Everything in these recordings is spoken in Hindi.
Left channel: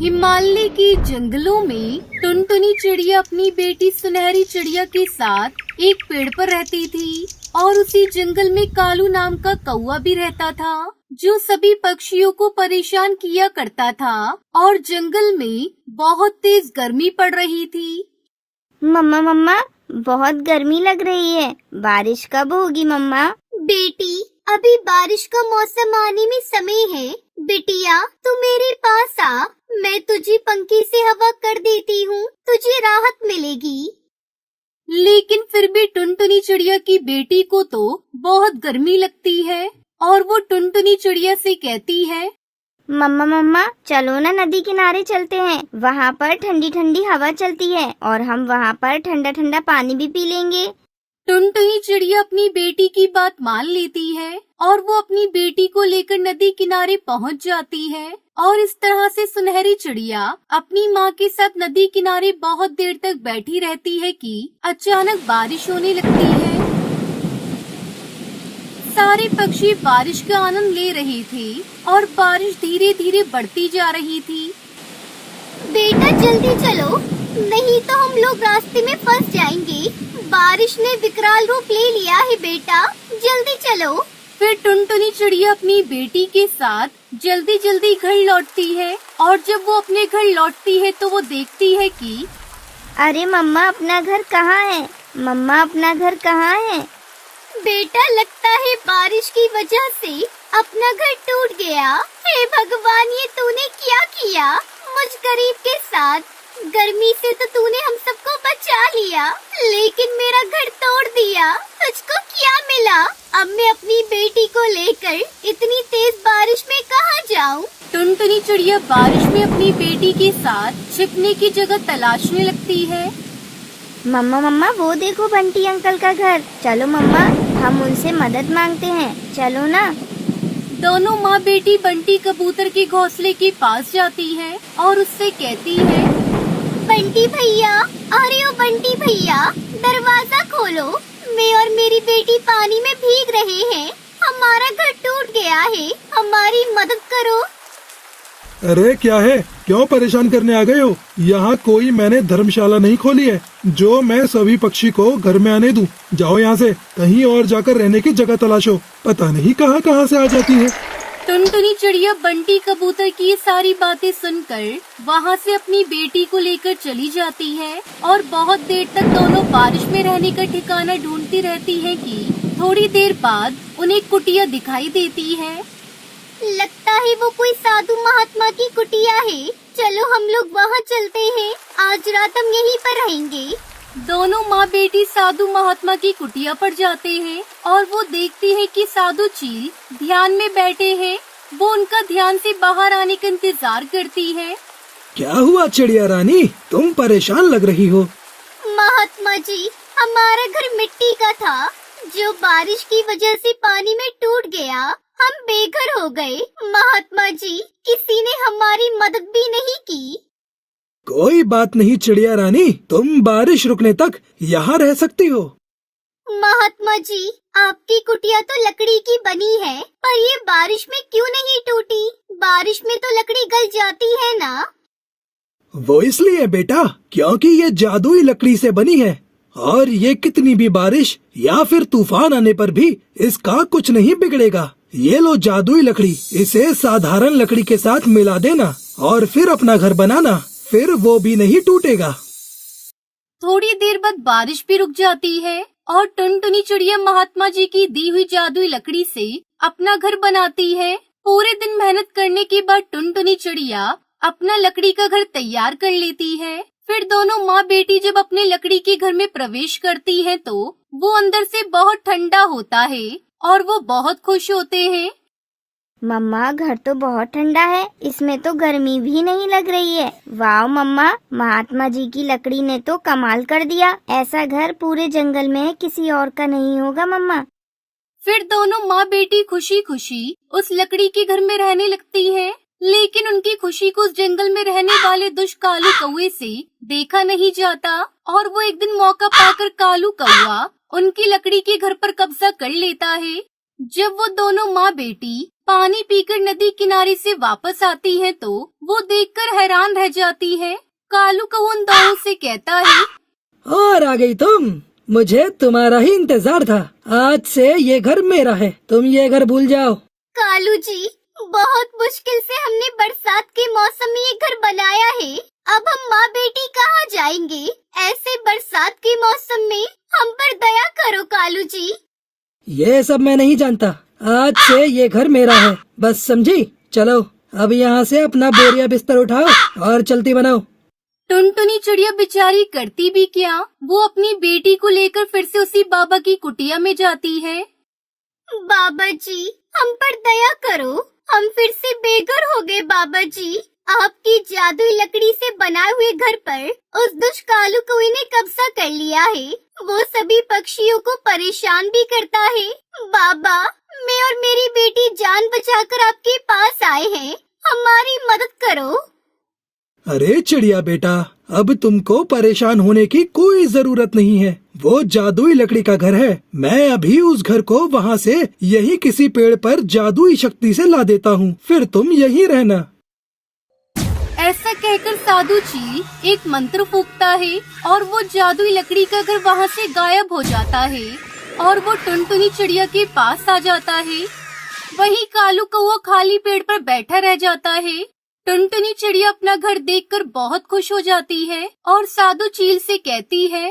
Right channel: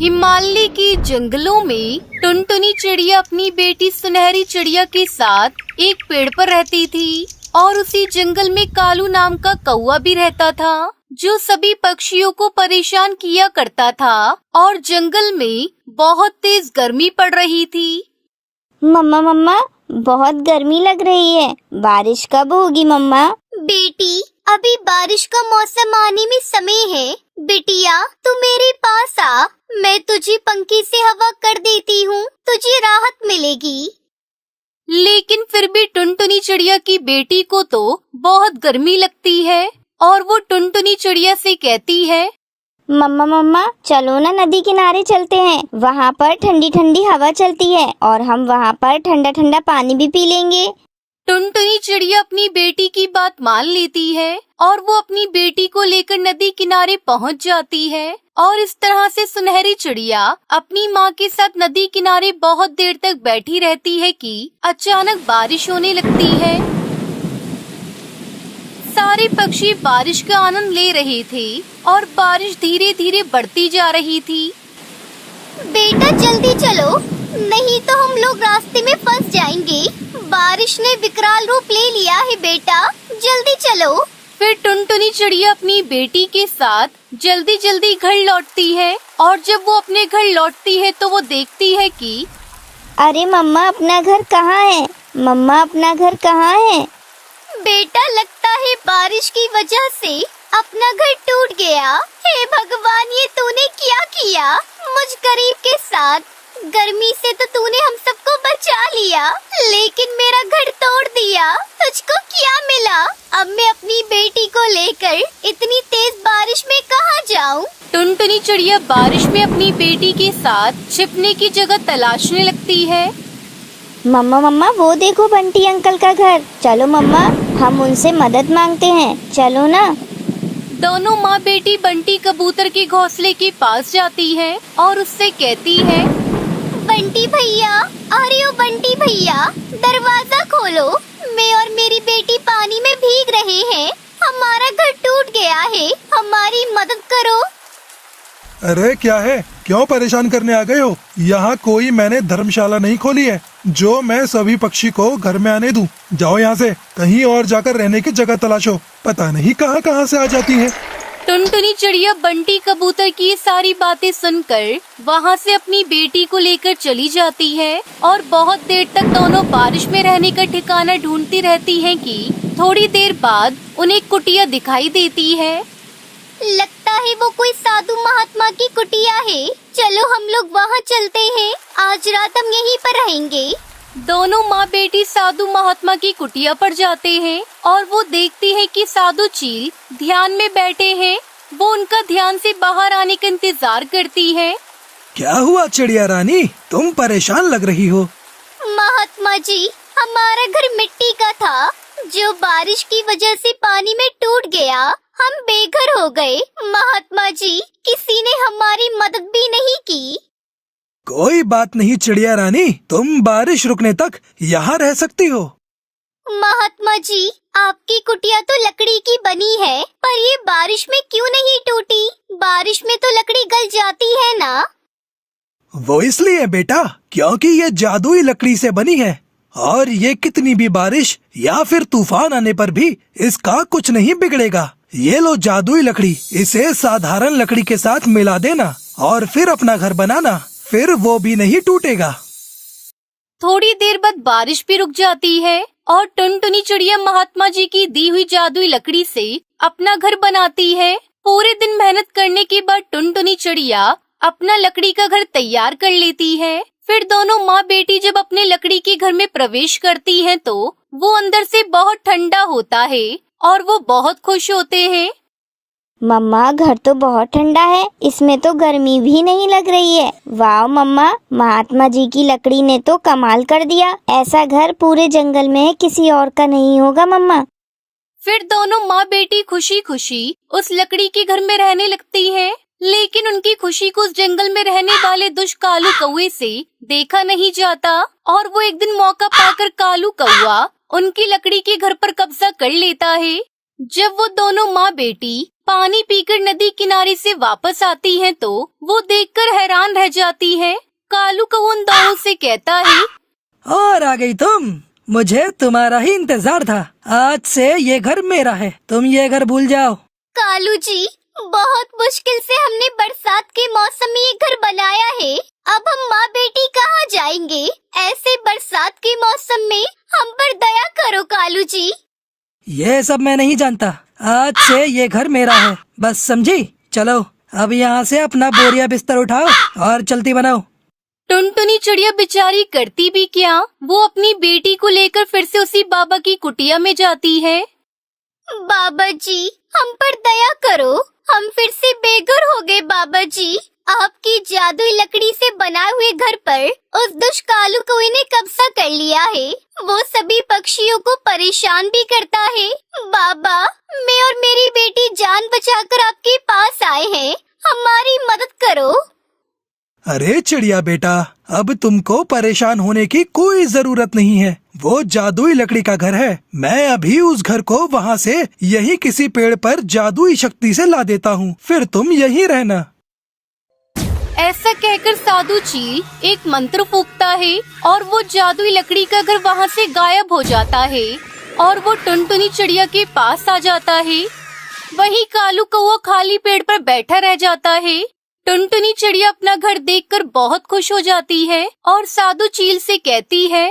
हिमालय के जंगलों में टुनटुनी चिड़िया अपनी बेटी सुनहरी चिड़िया के साथ एक पेड़ पर रहती थी और उसी जंगल में कालू नाम का कौवा भी रहता था जो सभी पक्षियों को परेशान किया करता था। और जंगल में बहुत तेज गर्मी पड़ रही थी। मम्मा मम्मा, बहुत गर्मी लग रही है, बारिश कब होगी मम्मा? बेटी, अभी बारिश का मौसम आने में समय है। बिटिया, तू मेरे पास आ, मैं तुझे पंखे से हवा कर देती हूँ, तुझे राहत मिलेगी। लेकिन फिर भी टुनटुनी चिड़िया की बेटी को तो बहुत गर्मी लगती है और वो टुनटुनी चिड़िया से कहती है, मम्मा मम्मा, चलो ना नदी किनारे चलते हैं, वहाँ पर ठंडी ठंडी हवा चलती है और हम वहाँ पर ठंडा ठंडा पानी भी पी लेंगे। टुनटुनी चिड़िया अपनी बेटी की बात मान लेती है और वो अपनी बेटी को लेकर नदी किनारे पहुंच जाती है। और इस तरह से सुनहरी चिड़िया अपनी माँ के साथ नदी किनारे बहुत देर तक बैठी रहती है कि अचानक बारिश होने लगती है। सारे पक्षी बारिश का आनंद ले रहे थे और बारिश धीरे धीरे बढ़ती जा रही थी। बेटा जल्दी चलो, नहीं तो हम लोग रास्ते में फंस जाएंगे। बारिश ने विकराल रूप ले लिया है बेटा, जल्दी चलो। फिर टुनटुनी चिड़िया अपनी बेटी के साथ जल्दी जल्दी घर लौटती है और जब वो अपने घर लौटती है तो वो देखती है कि अरे मम्मा, अपना घर कहाँ है? मम्मा, अपना घर कहाँ है? बेटा, लगता है बारिश की वजह से अपना घर टूट गया। हे भगवान, ये तूने क्या किया मुझ गरीब के साथ? गर्मी से तो तूने हम सबको बचा लिया, लेकिन मेरा घर तोड़ दिया। तुझको क्या मिला? अब मैं अपनी बेटी को लेकर इतनी तेज बारिश में कहाँ जाऊँ? टुनटुनी चिड़िया बारिश में अपनी बेटी के साथ छिपने की जगह तलाशने लगती है। मम्मा मम्मा, वो देखो बंटी अंकल का घर। चलो मम्मा, हम उनसे मदद मांगते हैं, चलो ना। दोनों माँ बेटी बंटी कबूतर के घोंसले के पास जाती है और उससे कहती है, बंटी भैया, अरे ओ बंटी भैया, दरवाजा खोलो, मैं और मेरी बेटी पानी में भीग रहे हैं। हमारा घर टूट गया है, हमारी मदद करो। अरे क्या है, क्यों परेशान करने आ गए हो? यहाँ कोई मैंने धर्मशाला नहीं खोली है जो मैं सभी पक्षी को घर में आने दूं। जाओ यहाँ से, कहीं और जाकर रहने की जगह तलाशो, पता नहीं कहाँ कहाँ से आ जाती है। टुनटुनी चिड़िया बंटी कबूतर की ये सारी बातें सुनकर वहाँ से अपनी बेटी को लेकर चली जाती है और बहुत देर तक दोनों बारिश में रहने का ठिकाना ढूंढती रहती हैं कि थोड़ी देर बाद उन्हें कुटिया दिखाई देती है। लगता है वो कोई साधु महात्मा की कुटिया है। चलो हम लोग वहाँ चलते हैं, आज रात हम यहीं पर रहेंगे। दोनों माँ बेटी साधु महात्मा की कुटिया पर जाते हैं और वो देखती है कि साधु चील ध्यान में बैठे हैं। वो उनका ध्यान से बाहर आने का इंतजार करती है। क्या हुआ चिड़िया रानी, तुम परेशान लग रही हो? महात्मा जी, हमारा घर मिट्टी का था जो बारिश की वजह से पानी में टूट गया। हम बेघर हो गए। महात्मा जी, किसी ने हमारी मदद भी नहीं की। कोई बात नहीं चिड़िया रानी, तुम बारिश रुकने तक यहाँ रह सकती हो। महात्मा जी, आपकी कुटिया तो लकड़ी की बनी है, पर ये बारिश में क्यों नहीं टूटी? बारिश में तो लकड़ी गल जाती है ना? वो इसलिए बेटा, क्योंकि ये जादुई लकड़ी से बनी है और ये कितनी भी बारिश या फिर तूफान आने पर भी इसका कुछ नहीं बिगड़ेगा। ये लो जादुई लकड़ी, इसे साधारण लकड़ी के साथ मिला देना और फिर अपना घर बनाना, फिर वो भी नहीं टूटेगा। थोड़ी देर बाद बारिश भी रुक जाती है और टुनटुनी चिड़िया महात्मा जी की दी हुई जादुई लकड़ी से अपना घर बनाती है। पूरे दिन मेहनत करने के बाद टुनटुनी चिड़िया अपना लकड़ी का घर तैयार कर लेती है। फिर दोनों माँ बेटी जब अपने लकड़ी के घर में प्रवेश करती हैं तो वो अंदर से बहुत ठंडा होता है और वो बहुत खुश होते हैं। मम्मा, घर तो बहुत ठंडा है, इसमें तो गर्मी भी नहीं लग रही है। वाह मम्मा, महात्मा जी की लकड़ी ने तो कमाल कर दिया। ऐसा घर पूरे जंगल में किसी और का नहीं होगा मम्मा। फिर दोनों माँ बेटी खुशी खुशी उस लकड़ी के घर में रहने लगती हैं। लेकिन उनकी खुशी को उस जंगल में रहने वाले दुष्ट कालू कौवे से देखा नहीं जाता और वो एक दिन मौका पाकर कालू कौवा उनकी लकड़ी के घर पर कब्जा कर लेता है। जब वो दोनों माँ बेटी पानी पीकर नदी किनारे से वापस आती हैं तो वो देखकर हैरान रह जाती है। कालू कौआ उन दोनों से कहता है, और आ गई तुम। मुझे तुम्हारा ही इंतजार था। आज से ये घर मेरा है, तुम ये घर भूल जाओ। कालू जी, बहुत मुश्किल से हमने बरसात के मौसम में ये घर बनाया है। अब हम माँ बेटी कहाँ जाएंगे? ऐसे बरसात के मौसम में हम पर दया करो कालू जी। ये सब मैं नहीं जानता। आज से ये घर मेरा है, बस समझी? चलो अब यहाँ से अपना बोरिया बिस्तर उठाओ और चलती बनाओ। टुनटुनी चिड़िया बेचारी करती भी क्या, वो अपनी बेटी को लेकर फिर से उसी बाबा की कुटिया में जाती है। बाबा जी, हम पर दया करो, हम फिर से बेघर हो गए। बाबा जी, आपकी जादुई लकड़ी से बनाए हुए घर पर उस दुष्ट कालू कौवे ने कब्जा कर लिया है। वो सभी पक्षियों को परेशान भी करता है। बाबा, मैं और मेरी बेटी जान बचाकर आपके पास आए हैं, हमारी मदद करो। अरे चिड़िया बेटा, अब तुमको परेशान होने की कोई जरूरत नहीं है। वो जादुई लकड़ी का घर है। मैं अभी उस घर को वहाँ से यही किसी पेड़ पर जादुई शक्ति से ला देता हूँ, फिर तुम यहीं रहना। ऐसा कहकर साधु चील एक मंत्र फूंकता है और वो जादुई लकड़ी का घर वहाँ से गायब हो जाता है और वो टुनटुनी चिड़िया के पास आ जाता है। वहीं कालू कौवा खाली पेड़ पर बैठा रह जाता है। टुनटुनी चिड़िया अपना घर देखकर बहुत खुश हो जाती है और साधु चील से कहती है,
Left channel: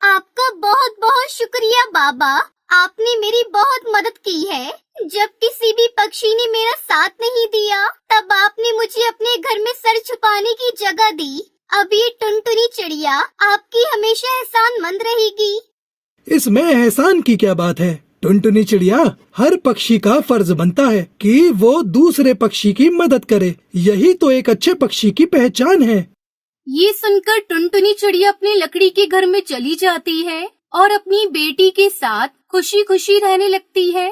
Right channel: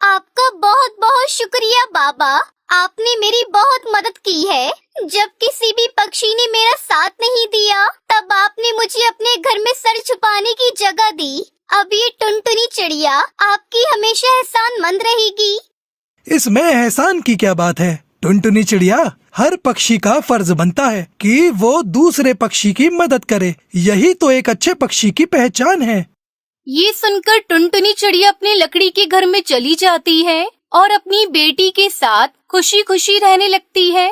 आपका बहुत बहुत शुक्रिया बाबा, आपने मेरी बहुत मदद की है। जब किसी भी पक्षी ने मेरा साथ नहीं दिया, तब आपने मुझे अपने घर में सर छुपाने की जगह दी। अब ये टुनटुनी चिड़िया आपकी हमेशा एहसानमंद रहेगी। इसमें एहसान की क्या बात है टुनटुनी चिड़िया? हर पक्षी का फर्ज बनता है कि वो दूसरे पक्षी की मदद करे। यही तो एक अच्छे पक्षी की पहचान है। ये सुनकर टुनटुनी चिड़िया अपने लकड़ी के घर में चली जाती है और अपनी बेटी के साथ खुशी खुशी रहने लगती है।